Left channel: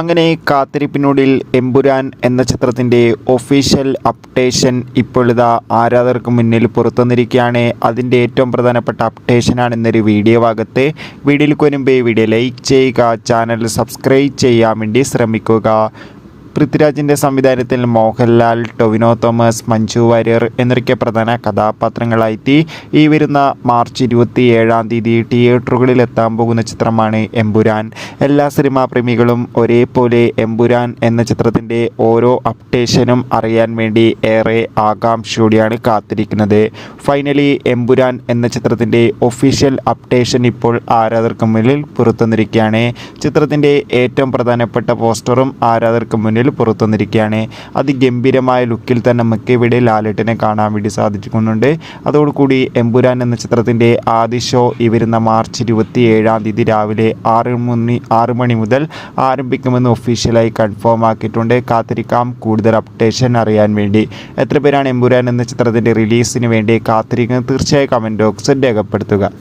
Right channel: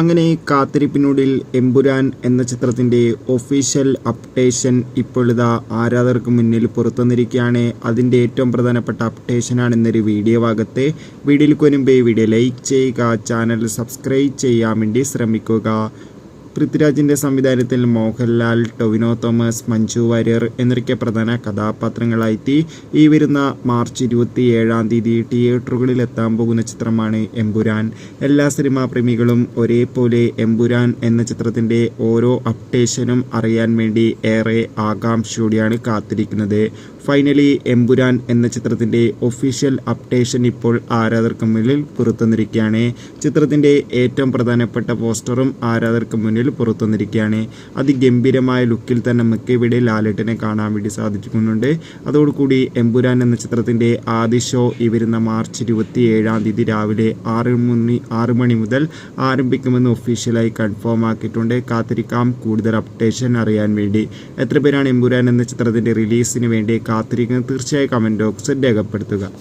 അങ്ങനെ കാത്തിരിപ്പിനൊടുവിൽ എമ്പുരാൻ എന്ന ചിത്രത്തിൻ്റെ ഒഫീഷ്യൽ അപ്ഡേഷൻ ഇപ്പോഴിതാ ആരാധകർക്ക് മുന്നിൽ പുറത്തുവന്നിരിക്കുകയാണ്. അതിൻ്റെ ഏറ്റവും പ്രധാനപ്പെട്ട അപ്ഡേഷനാണ് ഇന്നൊരു വീഡിയോ ഭാഗത്ത്. വീഡിയോയിൽ മുൻപേ വീഡിയോ ലൈക്ക് ചെയ്യുക, ചാനൽ സബ്സ്ക്രൈബ് ചെയ്യാൻ വേണ്ടി ശ്രമിക്കുക. പൃഥ്വിരാജിൻ്റെ സംവിധാനത്തിൽ മോഹൻലാൽ, ടൊവിനോ തോമസ്, മഞ്ജു വാര്യർ എന്നൊക്കെ പ്രധാന കഥാപാത്രങ്ങളായി ഈ വരുന്ന മാർച്ച് 27 തിയേറ്ററുകളിൽ എത്താൻ പോകുന്ന ചിത്രമാണ് എമ്പുരാൻ. എല്ലാ സിനിമാ പ്രേമികളും ഒരേപോലെ എമ്പുരാൻ എന്ന ചിത്രത്തിൻ്റെ ഓരോ അപ്ഡേഷനും അറിയാൻ വേണ്ടി ഏറെ ആകാംക്ഷയോടെയാണ് കാത്തിരിക്കുന്നത്. ഫൈനലി എമ്പുരാൻ എന്ന ചിത്രത്തിൻ്റെ ഒഫീഷ്യൽ അപ്ഡേഷൻ ഇപ്പോൾ ആരാധകർക്ക് മുന്നിൽ പുറത്തുവന്നിരിക്കുകയാണ്. ചിത്രത്തിൻ്റെ ഏറ്റവും പ്രധാനപ്പെട്ട പോസ്റ്ററും ആരാധകർക്ക് മുന്നിൽ പുറത്തുവന്നിരിക്കുകയാണ്. അതിഗംഭീരമായ ലുക്കിൽ തന്നെ നമുക്ക് ഇവിടെ ലാലേട്ടനെ കാണാൻ വേണ്ടി സാധിക്കുന്നുണ്ട്. അതോടുകൂടി എമ്പുരാൻ എന്ന ചിത്രത്തിൻ്റെ ആദ്യ ഷോ ഈ വരുന്ന മാർച്ച് 27 രാവിലെ 6 മണി മുതൽ ആരംഭിക്കുമെന്ന് ഒഫീഷ്യലായി കൺഫേം ആക്കിയിട്ടുണ്ട്. കാത്തിരിക്കാം കൂടുതൽ അപ്ഡേഷൻ അറിയാൻ വേണ്ടി. എത്ര പേരാണ് എമ്പുരാൻ എന്ന ചിത്രത്തിൻ്റെ റിലീസിന് വേണ്ടി കാത്തിരിക്കുന്നത്? തീർച്ചയായും കമൻറ്റ് ബോക്സിൽ രേഖപ്പെടുത്തുക.